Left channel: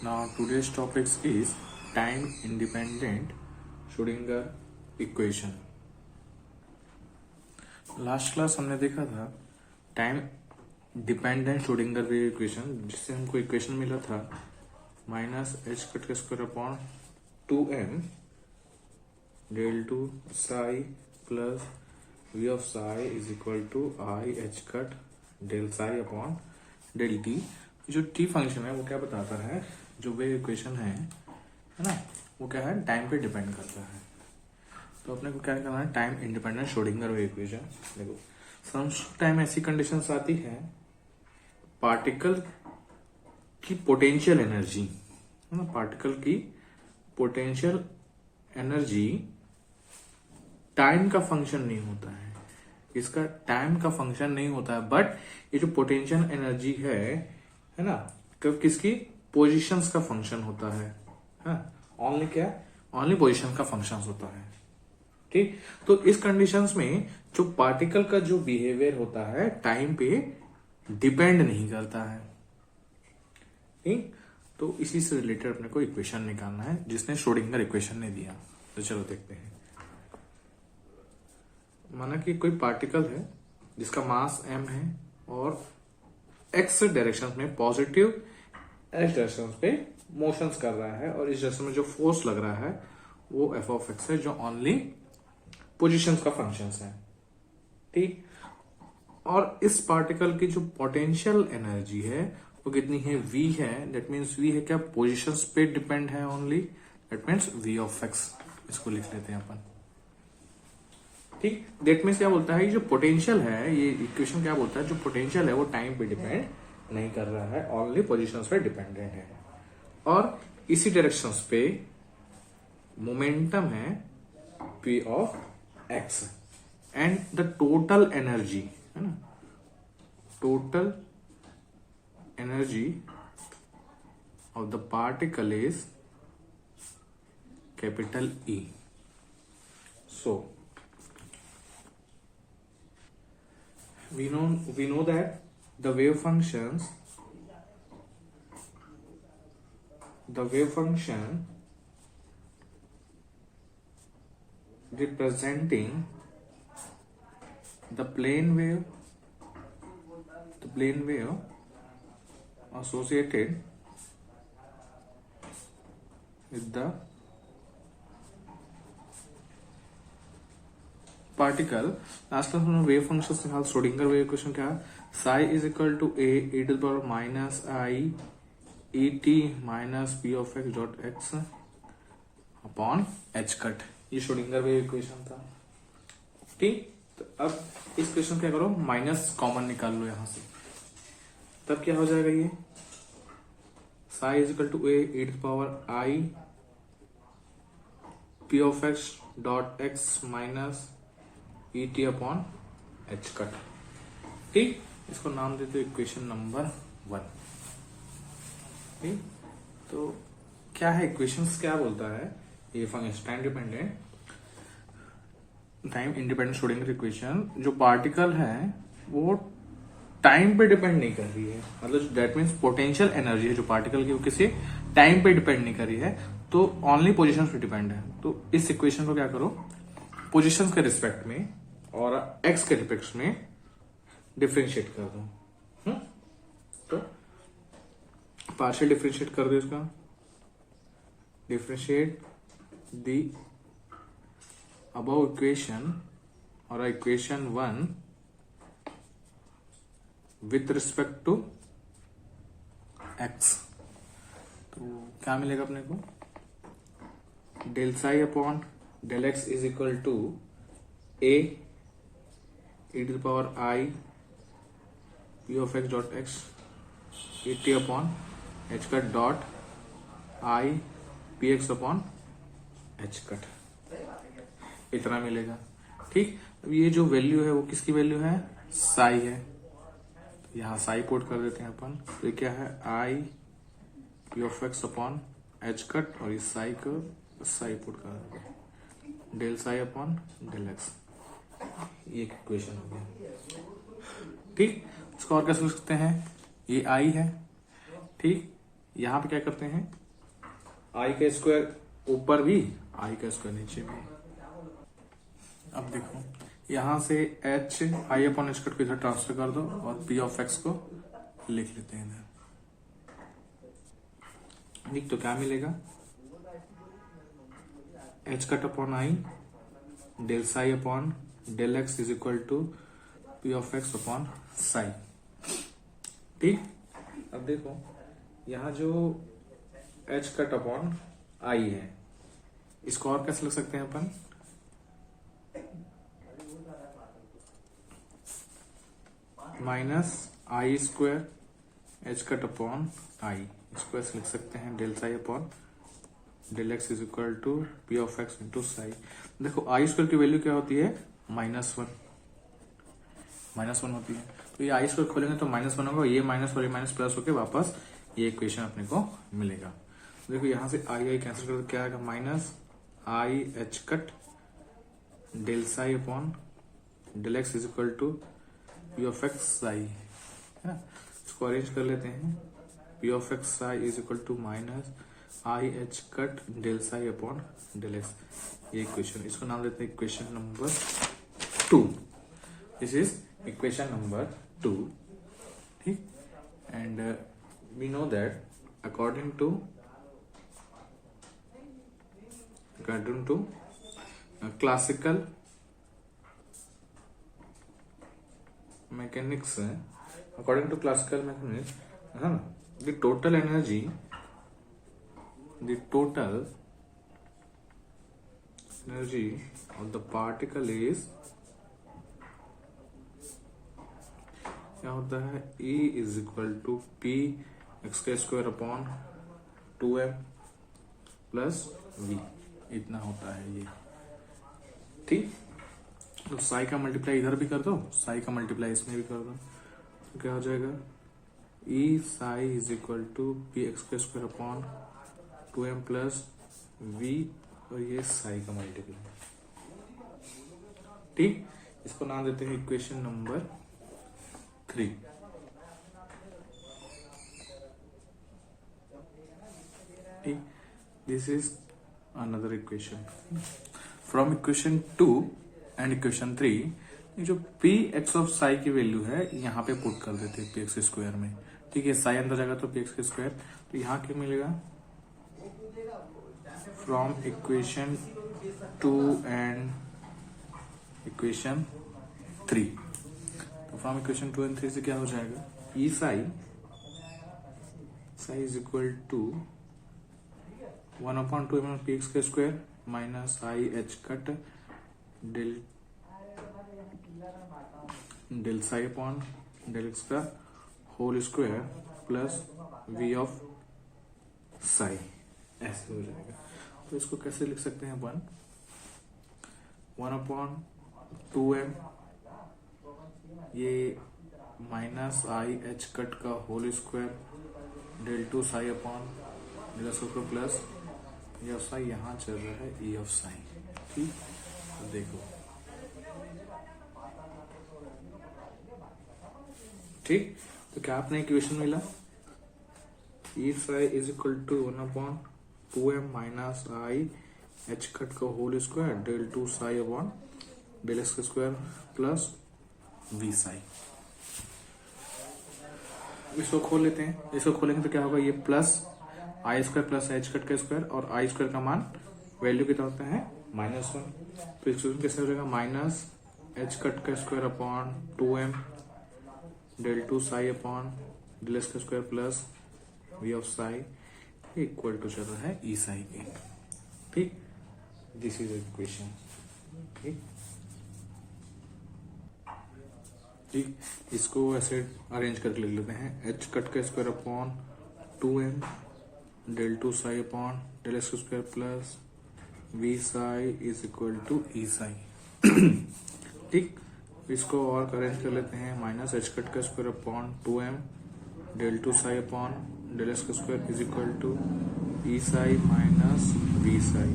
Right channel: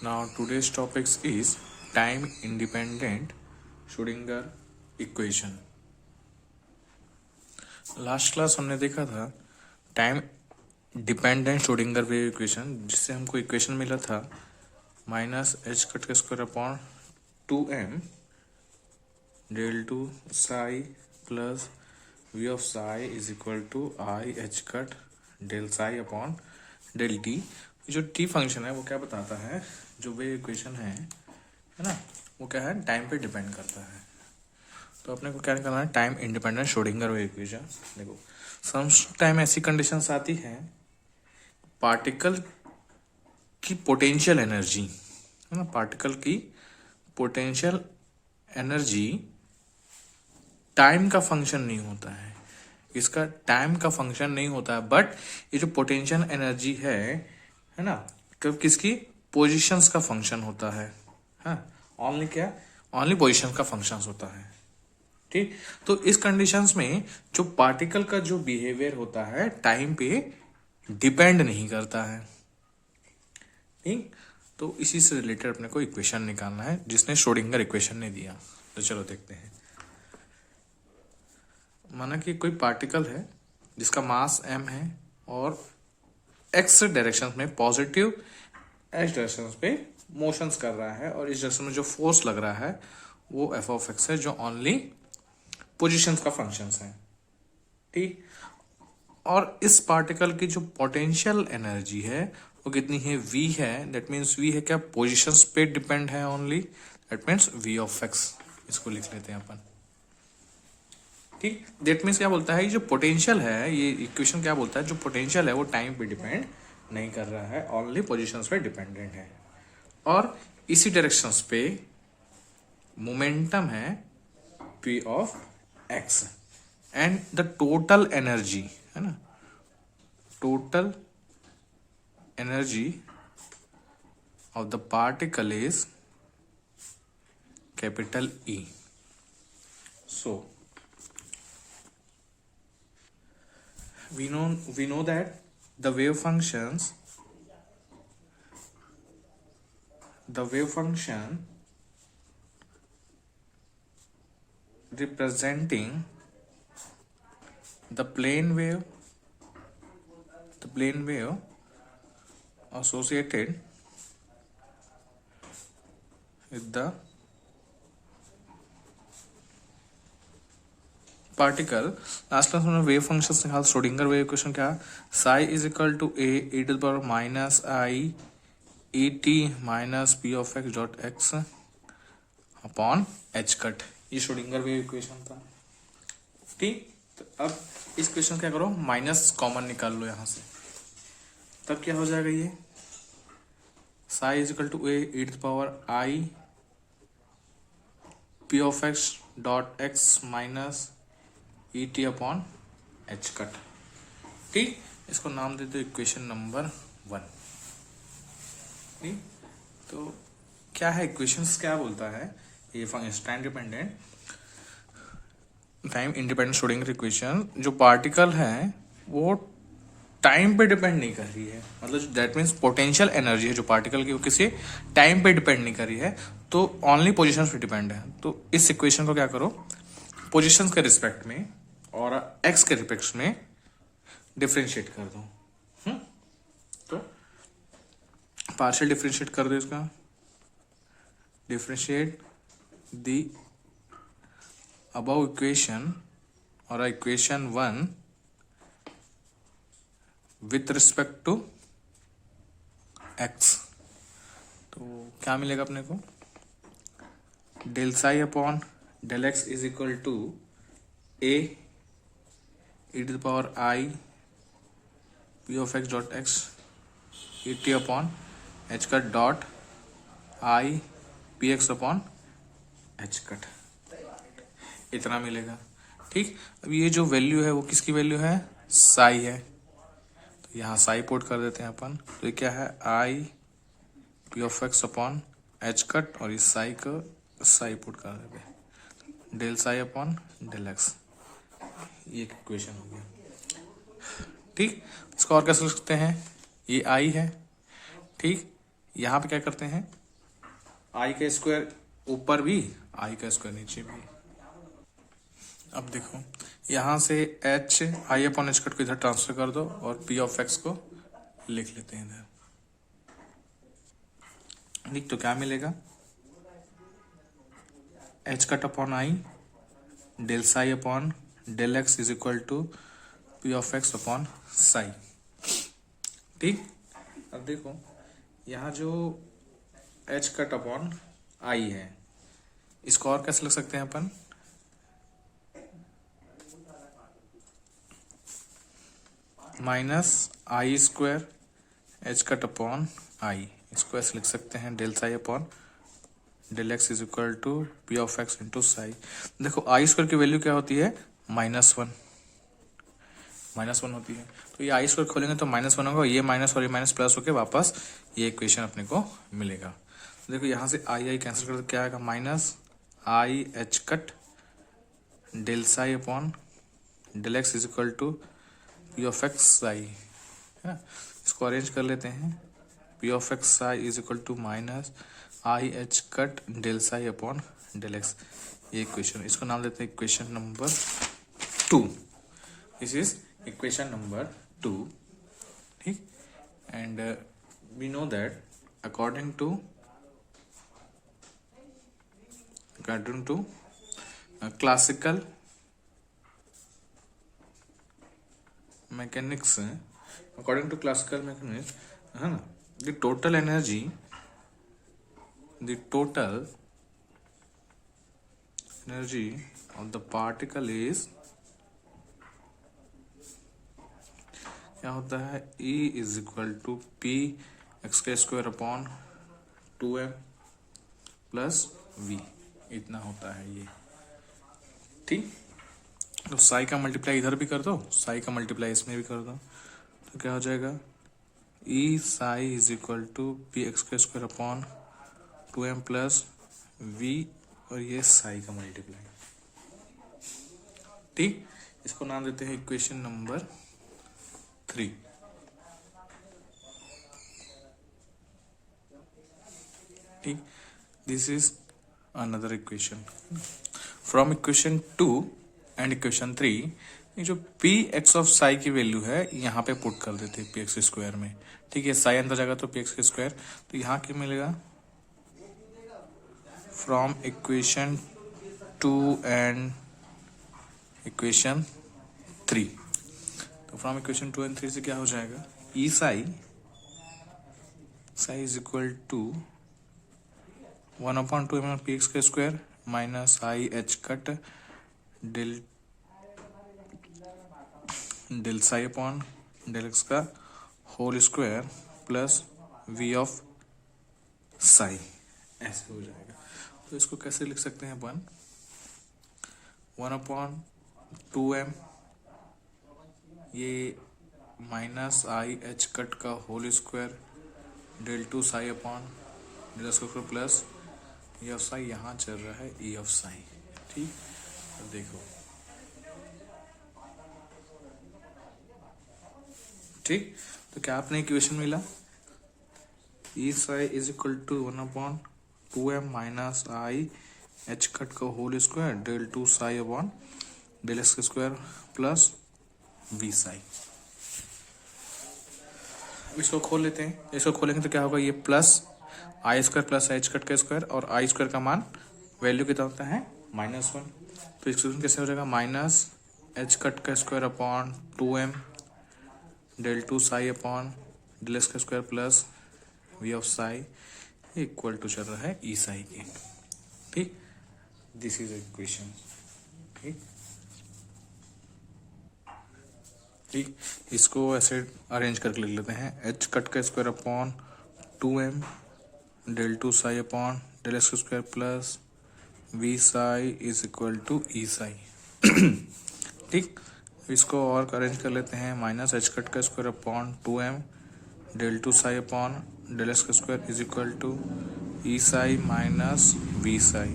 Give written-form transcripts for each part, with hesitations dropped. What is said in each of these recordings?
Now today's topics is time independent Schrödinger equation. Last class हमने देखा था time dependent Schrödinger wave equation, जिससे हमको इक्वेशन मिला था माइनस एच कट के square upon 2m del two psi plus V of psi is equal to I H cut del psi upon del T. जो T function है वो क्या बताता है, जो वेव इक्वेशन है ना, वो क्या है, टाइम पे डिपेंड करता है। तो अपने को क्या करना है, time independent Schrodinger wave equation. देखो सम टाइम ऐसी कंडीशंस आती है, पार्टिकल की पोटेंशियल एनर्जी है ना, पार्टिकल की पोटेंशियल एनर्जी टाइम का फंक्शन नहीं होता है, इसका टाइम का फंक्शन नहीं होता है, बट ये जो पोटेंशियल एनर्जी है ना, कब किसकी पोजीशंस का फंक्शन होता है। हाँ, ओनली क्या, ओनली पोजीशन का फंक्शन होता है। ठीक, तो इस कंडीशंस में जो पार्टिकल का जो बिहेवियर होता है टाइम पे डिपेंड नहीं करता है। ठीक, तो इसी से रिलेटेड अपने को इक्वेशन निकालना है जिसने श्रोडिंगर इक्वेशन ने दिया। तो चलो देखते हैं। माना कि कोई पार्टिकल है जिसका मास m है और x डायरेक्शन में पॉजिटिव एच डायरेक्शन पे मोशंस कर रहा है, और इस डायरेक्शन में जो फोर्स लग रहा है वो एफ ऑफ एक्स है, जो ओनली पोजीशंस का फंक्शंस है। ठीक, और इस पार्टिकल की जो पोटेंशियल एनर्जी है वो कितनी है, v है। दैट मीन्स v है क्या, पोजीशंस पे डिपेंड है only, that means v of x। इसको लिख लेते हैं अपन। ठीक, दैट मीन्स क्या बोलता है, ये जो पोटेंशियल है, ये इक्वेशन क्या बोलता है, जो पोटेंशियल है वो टाइम पे डिपेंड नहीं कर रहा है, ओनली पोजीशंस पे डिपेंडेंट है। और इसी डायरेक्शंस पे मोमेंटम है p of x, and the total energy है ना, total energy of the particle is capital E। So we know that the wave function representing the plane wave associated with the particle. Last class में wave function से हाल Schrödinger wave equation क्या, psi is equal to A E to the power minus I E T minus P of X dot X upon H cut. ये Schrödinger wave equation था। ठीक, तो अब इस क्वेश्चन क्या करो, माइनस कॉमन निकाल लो यहां से, तब क्या हो जाएगा, ये psi is equal to A E to the power I P of X dot X minus E T upon H cut. ठीक, इसको नाम देते इक्वेशन नंबर 1। ठीक, तो क्या है इक्वेशंस, क्या बोलता है ये time dependent time independent Schrodinger equation, जो पार्टिकल है वो टाइम पे डिपेंड नहीं कर रही है, मतलब दैट मीन्स पोटेंशियल एनर्जी है जो पार्टिकल की, वो किसी टाइम पे डिपेंड नहीं कर रही है, तो ओनली पोजीशन पे डिपेंड है। तो इस इक्वेशन को क्या करो, पोजीशंस के रिस्पेक्ट में और एक्स के रिस्पेक्ट में डिफरेंशिएट कर दो। तो पार्शियल डिफरेंशिएट कर दो इसका, डिफरेंशिएट द अबव इक्वेशन और equation 1 with respect to X. तो क्या मिलेगा अपने को, del psi upon del X is equal to A E to the power I P of X dot X E T upon H cut dot I P X upon H cut, इतना मिलेगा। ठीक, अब ये जो value है वो किसकी value है, साई है, तो यहाँ साई पुट कर देते हैं अपन। तो ये क्या है, I P of X upon H cut, और इस साई को साई पुट कर देते हैं, del psi upon del X. ये इक्वेशन हो गया। ठीक, इसको और कैसे लिख सकते हैं, ये आई है, ठीक, यहाँ पे क्या करते हैं, आई का स्क्वायर ऊपर भी, आई का स्क्वायर नीचे भी। अब देखो यहाँ से H I upon H cut को इधर ट्रांसफर कर दो और पी ऑफ एक्स को लिख लेते हैं इधर। ठीक, तो क्या मिलेगा, H cut upon I del psi upon del X is equal to P of X upon psi. ठीक, अब देखो यहाँ जो एच कट अपॉन आई है, इसको और कैसे लिख सकते हैं अपन, minus I square H cut upon I, इसको ऐसे लिख सकते हैं del psi upon del X is equal to P of X into psi. देखो आई स्क्वायर की वैल्यू क्या होती है, -1 होती है, तो ये आई स्क्वायर खोलेंगे तो -1 होगा, ये माइनस और ये माइनस प्लस होके वापस ये इक्वेशन अपने को मिलेगा। देखो यहाँ से आई कैंसिल कर दो, क्या आएगा, minus I H cut del psi upon del X is equal to P of X psi, है ना। इसको अरेंज कर लेते हैं, P of X psi is equal to minus I H cut del psi upon del X, ये equation, इसको नाम देते हैं equation number 2। This is equation number 2। ठीक, and we know that according to classical mechanics, according to classical mechanics, है ना, the total energy of the particle is, क्या होता है, E is equal to P X का square upon 2m plus v, इतना होता है ये। ठीक, तो साई का मल्टीप्लाई इधर भी कर दो, साई का मल्टीप्लाई इसमें भी कर दो, तो क्या हो जाएगा, E psi is equal to P X का square upon 2m plus v, और ये साई का मल्टीप्लाई। ठीक, इसको नाम देते हैं इक्वेशन नंबर 3। ठीक, this is another equation. From equation 2 and equation 3, ये जो पी एक्स ऑफ साई की वैल्यू है यहाँ पे पुट कर देते हैं पी एक्स स्क्वायर में। ठीक है, साई अंदर जाएगा तो पी एक्स स्क्वायर, तो यहाँ क्या मिलेगा, फ्रॉम इक्वेशन 2 एंड इक्वेशन 3, तो फ्रॉम इक्वेशन 2 एंड 3 से क्या हो जाएगा, E psi is equal to 1/2 P X का square minus I H cut del psi upon del X का whole square plus V of psi, ऐसे हो जाएगा। तो इसको कैसे लिख सकते हैं अपन, 1/2m, ये माइनस आई एच कट का whole square del 2 psi upon del square plus E of psi, यहाँ चल रहा है ई ऑफ साई। ठीक, तो देखो, ठीक, तो क्या आपने इक्वेशन मिला, E psi is equal to 1/2m minus I H cut का whole square del 2 psi upon del X square plus V psi. इसको खोल लेते हैं, इसको खोलेंगे तो क्या होगा, ये प्लस आई स्क्वायर प्लस एच कट का स्क्वायर, और आई स्क्वायर का मान वैल्यू कितना होता है, -1, तो इक्वेशन कैसे हो जाएगा, माइनस एच कट का square upon 2m del 2 psi upon del X का square plus V of psi equal to चल रहा है ई साई के। ठीक, दिस इज इक्वेशन। ठीक, ठीक, इसको ऐसे अरेंज करके लिख लेते हैं, एच कट का square upon 2m del 2 psi upon del X square plus V psi is equal to E psi. ठीक, इसको और अरेंज कर लेते हैं, माइनस एच कट का square upon 2m del 2 psi upon del X square is equal to E psi minus V psi.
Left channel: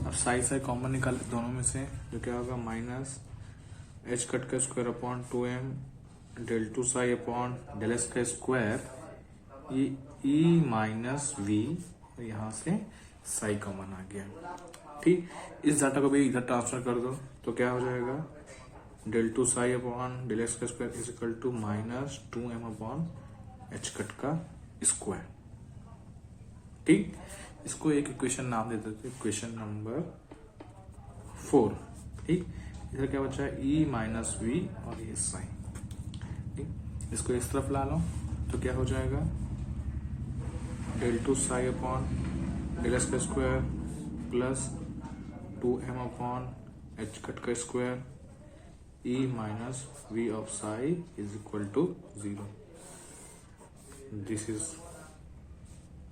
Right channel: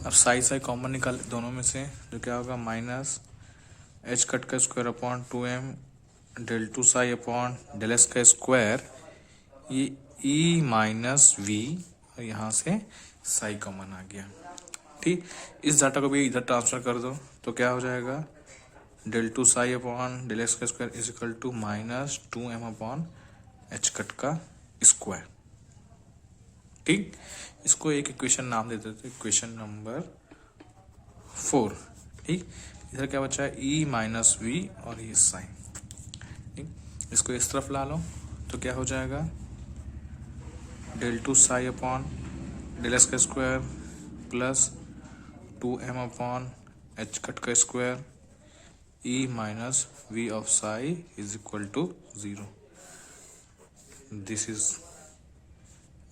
अब psi common निकाल दोनों में से, जो क्या होगा, माइनस एच कट का square upon 2m del 2 psi upon del X का स्क्वायर, ये ई माइनस वी, और यहाँ से साई कॉमन आ गया। ठीक, इस डाटा को भी इधर ट्रांसफर कर दो तो क्या हो जाएगा, del two psi upon del X का square is equal to minus 2m upon H cut का स्क्वायर। ठीक, इसको एक इक्वेशन नाम दे देते, इक्वेशन नंबर 4। ठीक, इधर क्या बचा है, ई माइनस वी और ये साइन। ठीक, इसको इस तरफ ला लो तो क्या हो जाएगा, del two psi upon del X का square plus 2m upon H cut का square E minus V of psi is equal to 0। This is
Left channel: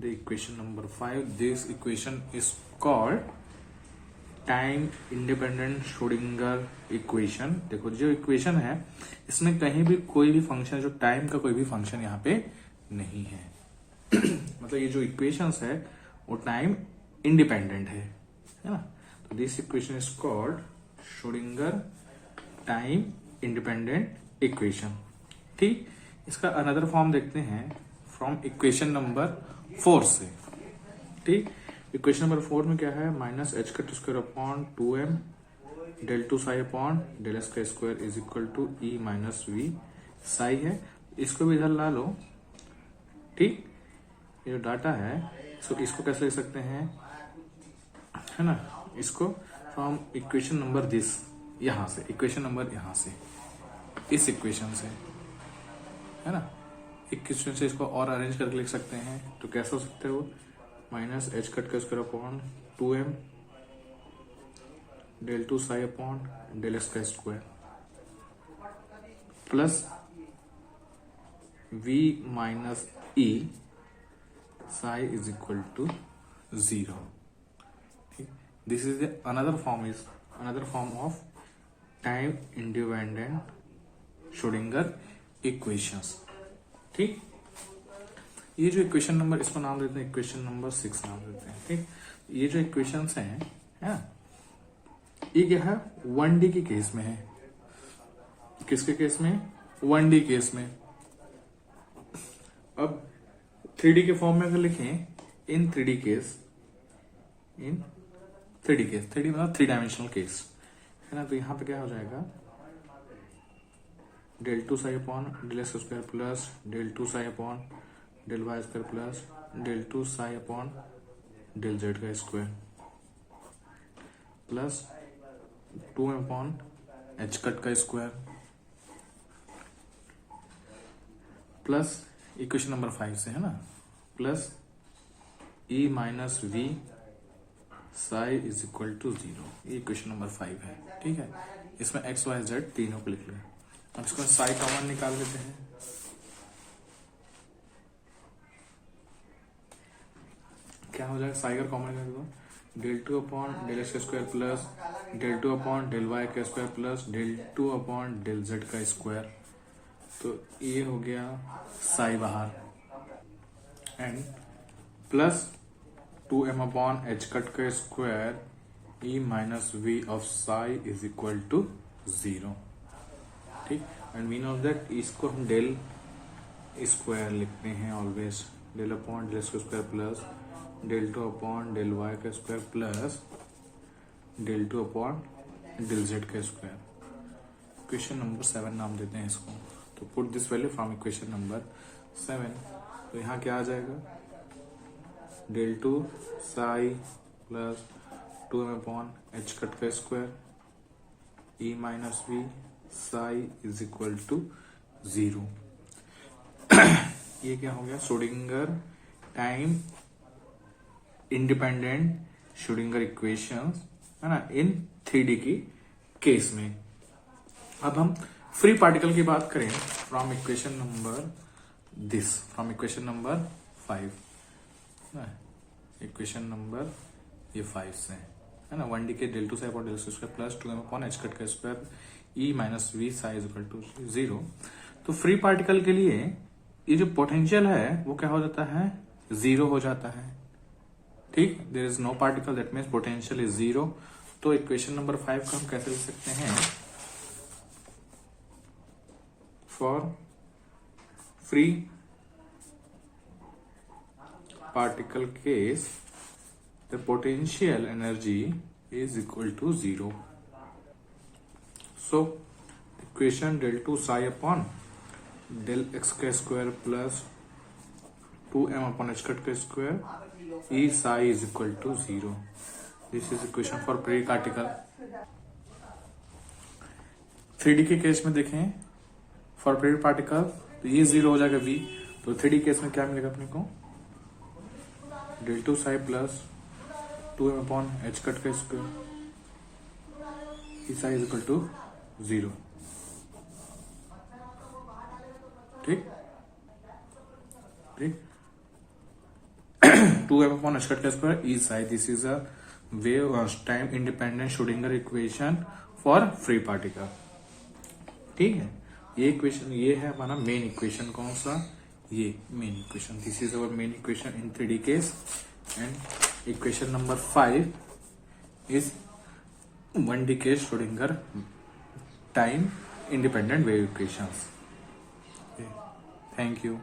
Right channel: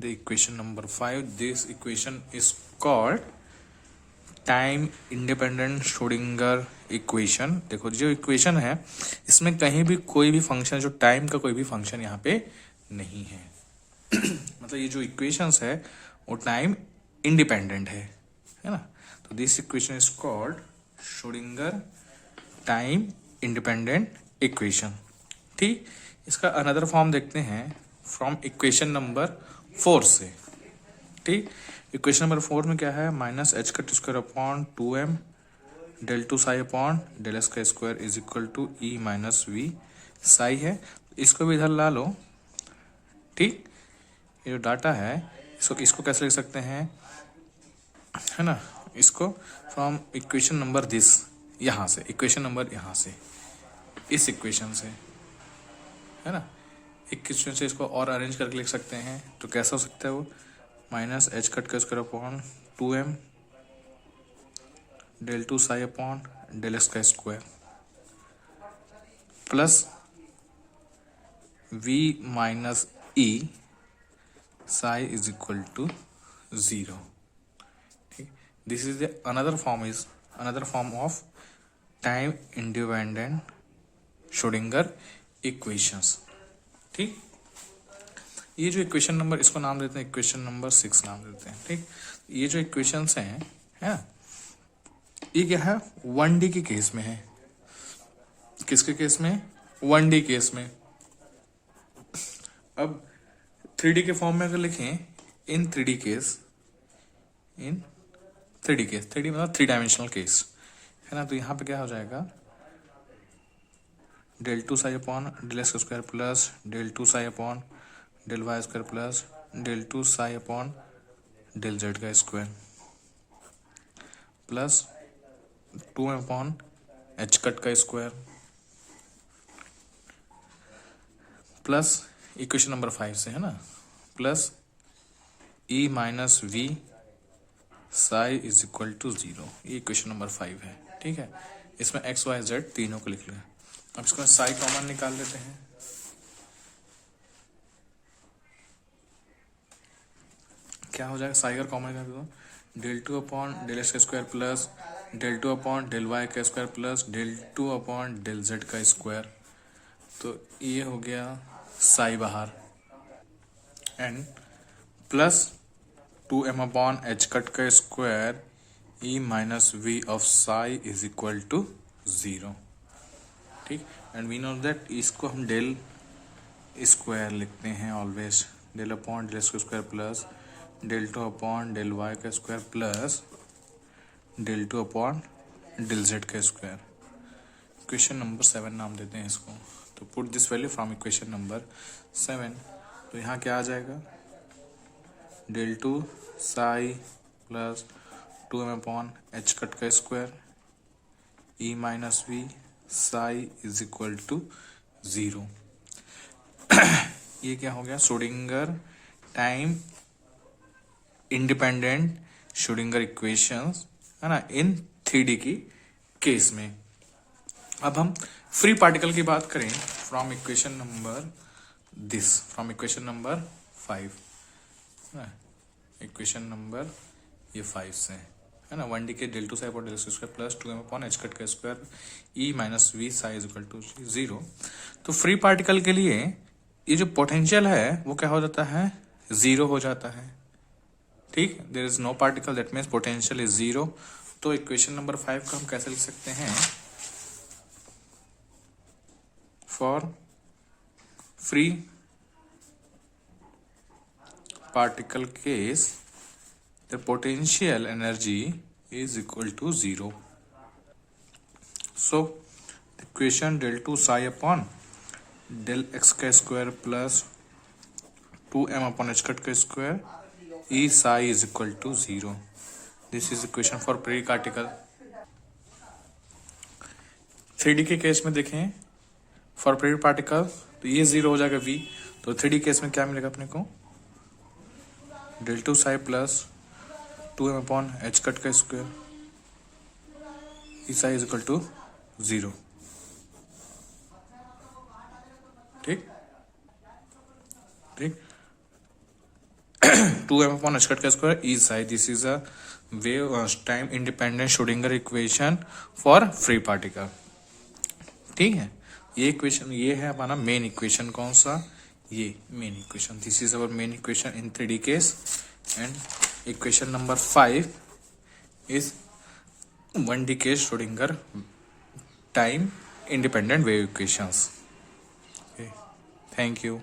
the equation number 5। This equation is called time independent Schrodinger equation. देखो जो equation है इसमें कहीं भी कोई भी फंक्शन, जो टाइम का कोई भी फंक्शन यहाँ पे नहीं है। मतलब ये जो इक्वेशंस है वो टाइम इंडिपेंडेंट है ना। तो this equation is called Schrodinger time independent equation. ठीक, इसका अनदर फॉर्म देखते हैं फ्रॉम इक्वेशन नंबर 4 से। ठीक, इक्वेशन नंबर 4 में क्या है, minus H cut square upon 2m del two psi upon del X का square is equal to E minus V psi है। इसको भी इधर ला लो। ठीक, ये जो डाटा है इसको कैसे लिख सकते हैं, है ना, इसको फ्रॉम इक्वेशन नंबर दिस, यहाँ से इक्वेशन नंबर, यहाँ से इस इक्वेशन से, है ना, इक्वेशन से इसको और अरेंज करके लिख सकते हैं। तो कैसा हो सकता है वो, माइनस एच कट का square upon 2m del two psi upon del X का square plus v minus E psi is equal to 0। ठीक, this is the another form of time independent Schrodinger equations. ठीक, ये जो equation number, इसको नाम देते हैं इक्वेशन नंबर 6 नाम देते हैं। ठीक, ये जो इक्वेशंस हैं, है ये क्या है, 1D के केस में है। किसके केस में, 1D केस में। अब 3D के फॉर्म में अगर लिखें, इन 3D केस, इन 3D केस, 3D मतलब 3 डायमेंशनल केस, है ना। तो यहाँ पे क्या हो जाएगा, del two psi upon del X square plus del two psi upon del Y square plus del two psi upon del Z का square plus 2 upon H cut का स्क्वायर प्लस इक्वेशन नंबर 5 से, है ना, plus E minus V psi is equal to 0। ये equation number 5 है। ठीक है, इसमें एक्स वाई जेड तीनों को लिख लें। अब इसको साई कॉमन निकाल लेते हैं। क्या हो जाएगा, साई का कॉमन कर दो, del two upon del X का square plus del two upon del Y का square plus del two upon del Z का स्क्वायर। तो ये हो गया साई बाहर, and plus 2m upon H cut का square E minus V of psi is equal to 0। ठीक, and we know that इसको हम डेल स्क्वायर लिखते हैं always, del upon del square plus del two upon del Y का square plus del two upon del Z का square. Equation number 7 नाम देते हैं इसको। तो put this value from equation number 7। तो यहाँ क्या आ जाएगा, del two psi plus 2m upon H cut का square E minus V psi is equal to 0। ये क्या हो गया, Schrodinger time independent Schrodinger equations, है ना, इन 3D की केस में। अब हम फ्री पार्टिकल की बात करें from equation number this, from equation number 5, equation number ये 5 से, है ना, 1D के del two psi upon del square plus 2m upon H cut का square E minus V psi is equal to 0। तो फ्री पार्टिकल के लिए ये जो पोटेंशियल है वो क्या हो जाता है, 0 हो जाता है। ठीक, there is no particle, that means potential is 0। तो इक्वेशन नंबर 5 को हम कैसे लिख सकते हैं, for free particle case, the potential energy is equal to 0. So the equation del 2 psi upon del x का square plus 2m upon h cut का square E psi is equal to 0. This is equation for periodic particle. 3D के case में देखें for period particle तो ये 0 हो जाएगा v, तो 3D केस में क्या मिलेगा अपने को del 2 psi plus 2m upon h cut का square E psi is equal to 0. ठीक ठीक 2m अपॉन h कट का square E psi. This is a wave time independent Schrodinger equation for free particle. ठीक है, ये equation ये है हमारा मेन इक्वेशन. कौन सा? ये main equation. This is our main equation in 3D case. And equation number 5 is 1D case Schrodinger time independent wave equations. Thank you.